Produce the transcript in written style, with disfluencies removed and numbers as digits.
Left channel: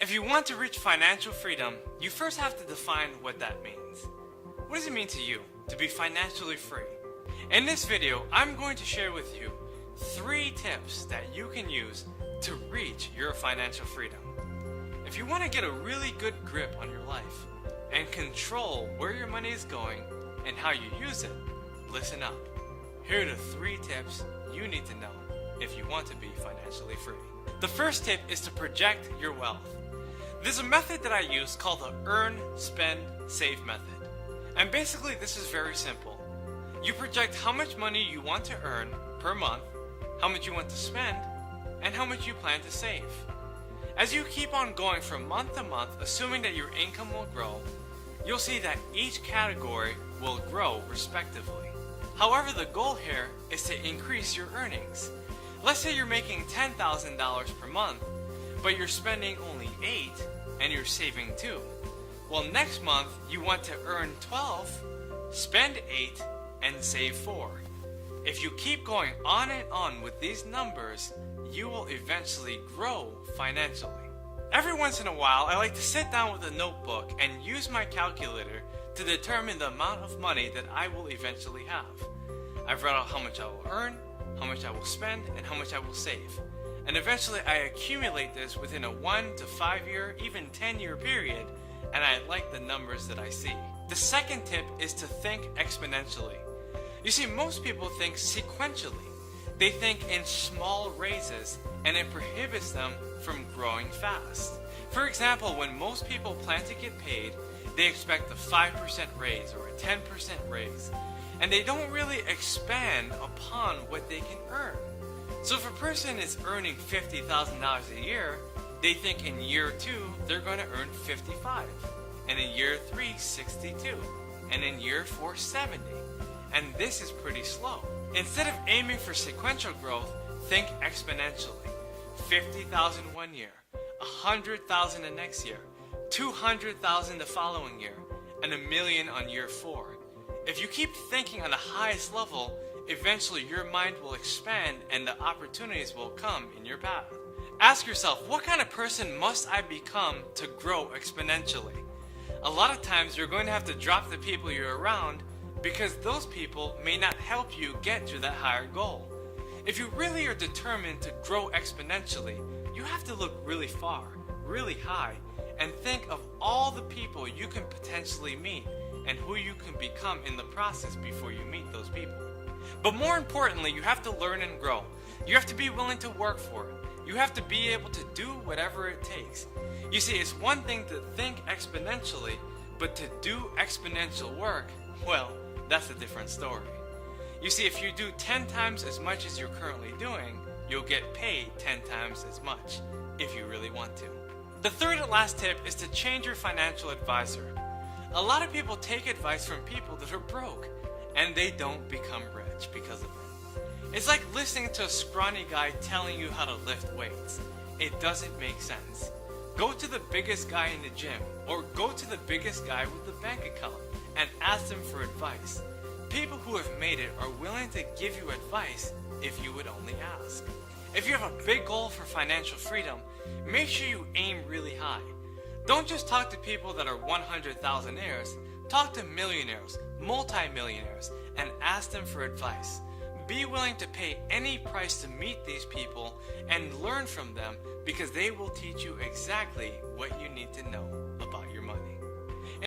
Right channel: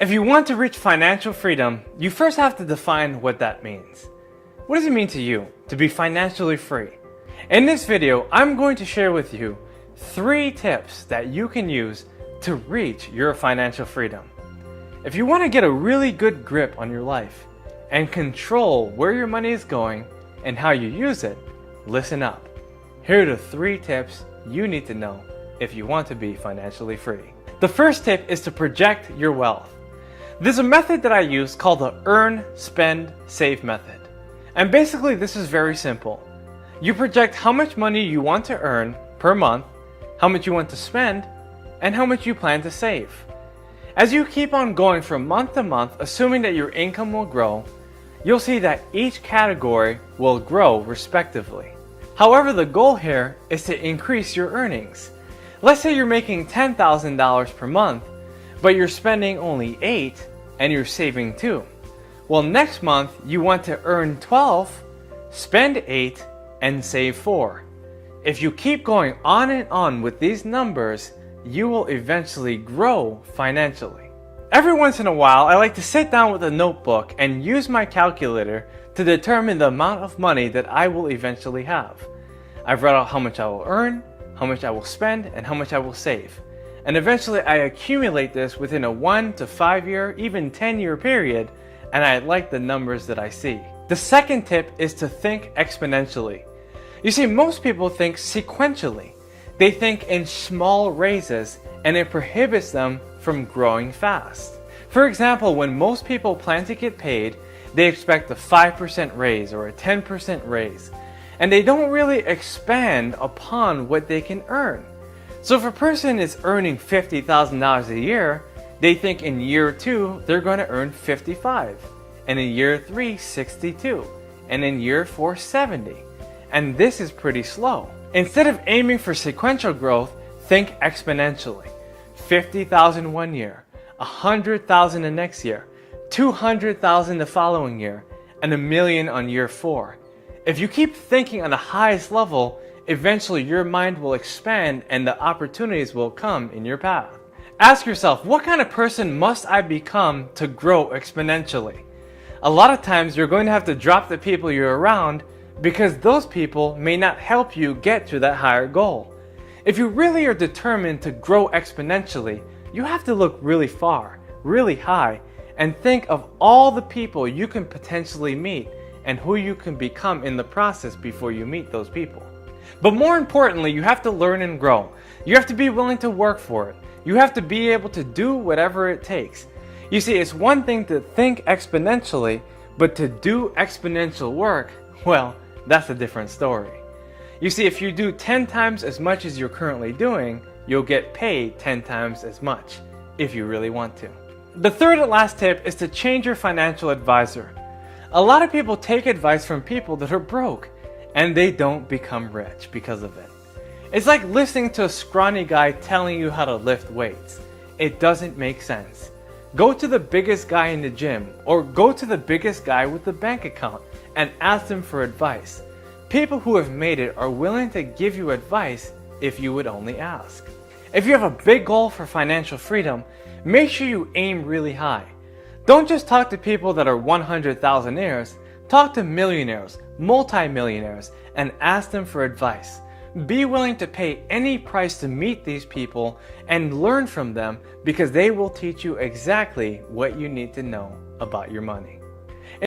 If you want to reach financial freedom, you first have to define what that means. What does it mean to you to be financially free? In this video, I'm going to share with you 3 tips that you can use to reach your financial freedom. If you want to get a really good grip on your life and control where your money is going and how you use it, listen up. Here are the 3 tips you need to know if you want to be financially free. The first tip is to project your wealth. There's a method that I use called the earn, spend, save method. And basically this is very simple. You project how much money you want to earn per month, how much you want to spend, and how much you plan to save. As you keep on going from month to month, assuming that your income will grow, you'll see that each category will grow respectively. However, the goal here is to increase your earnings. Let's say you're making $10,000 per month, but you're spending only $8 and you're saving $2. Well, next month you want to earn $12, spend $8, and save $4. If you keep going on and on with these numbers, you will eventually grow financially. Every once in a while, I like to sit down with a notebook and use my calculator to determine the amount of money that I will eventually have. I've read out how much I will earn, how much I will spend, and how much I will save. And eventually I accumulate this within a 1 to 5 year, even 10-year period, and I like the numbers that I see. The second tip is to think exponentially. You see, most people think sequentially. They think in small raises, and it prohibits them from growing fast. For example, when most people plan to get paid, they expect a 5% raise or a 10% raise, and they don't really expand upon what they can earn. So if a person is earning $50,000 a year, they think in year 2 they're going to earn 55, and in year 3 62, and in year 4 70. And this is pretty slow. Instead of aiming for sequential growth, think exponentially. 50,000 one year, 100,000 the next year, 200,000 the following year, and $1 million on year 4. If you keep thinking on the highest level, eventually your mind will expand and the opportunities will come in your path. Ask yourself, what kind of person must I become to grow exponentially? A lot of times you're going to have to drop the people you're around because those people may not help you get to that higher goal. If you really are determined to grow exponentially, you have to look really far, really high, and think of all the people you can potentially meet and who you can become in the process before you meet those people. But more importantly, you have to learn and grow. You have to be willing to work for it. You have to be able to do whatever it takes. You see, it's one thing to think exponentially, but to do exponential work, well, that's a different story. You see, if you do 10 times as much as you're currently doing, you'll get paid 10 times as much, if you really want to. The third and last tip is to change your financial advisor. A lot of people take advice from people that are broke, and they don't become rich because of it. It's like listening to a scrawny guy telling you how to lift weights. It doesn't make sense. Go to the biggest guy in the gym, or go to the biggest guy with the bank account and ask them for advice. People who have made it are willing to give you advice if you would only ask. If you have a big goal for financial freedom, make sure you aim really high. Don't just talk to people that are 100,000-aires. Talk to millionaires, multi-millionaires, and ask them for advice. Be willing to pay any price to meet these people and learn from them because they will teach you exactly what you need to know about your money.